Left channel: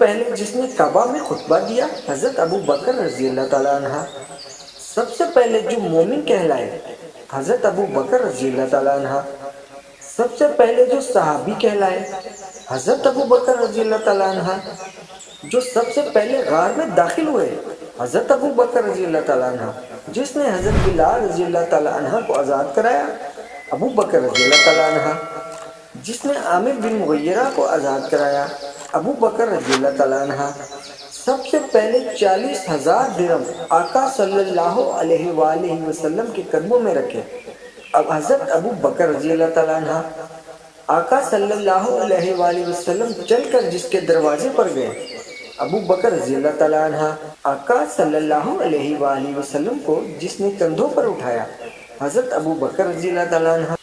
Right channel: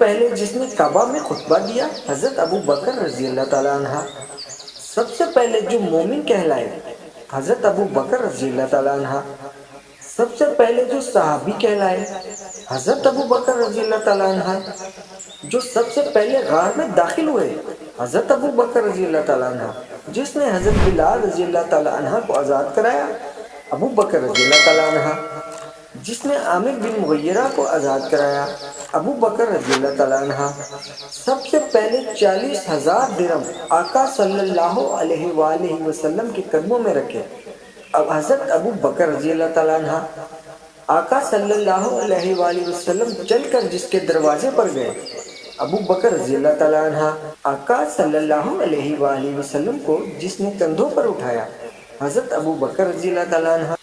पहले जिसने काबा में खुतबा दिया हज़रत अबू बकर रज़ी अल्लाह ताला अन्हा। सबसे पहले जो मोमिन कहलाए हज़रत अबू बकर रज़ी अल्लाह ताला अन्हा। सबसे पहले जो सहाबी कहलाए हज़रत अबू बकर रज़ी अल्लाह ताला अन्हा। जो सबसे पहले गार में दाखिल हुए हज़रत अबू बकर रज़ी अल्लाह ताला अन्हा। जिसने हज़रत बिलाल रज़ी अल्लाह ताला अन्हा को आज़ाद कराया अबू बकर रज़ी अल्लाह ताला अन्हा। जिसने आमिर बिन मुगय्यरा को आज़ाद कराया अबू बकर रज़ी अल्लाह ताला अन्हा। सबसे पहले 40,000 दिरहम आका सल्लल्लाहु अलैहि वसल्लम के कदमों में रखे अब हज़रत अबू बकर रज़ी अल्लाह ताला अन्हा। आका सल्लल्लाहु अलैहि वसल्लम चलकर जिसके दरवाजे पर गए अबू बकर रज़ी अल्लाह ताला अन्हा। आका सल्लल्लाहु अलैहि वसल्लम को जिसने कंधों पर उठाया हज़रत अबू बकर रज़ी अल्लाह ताला अन्हा।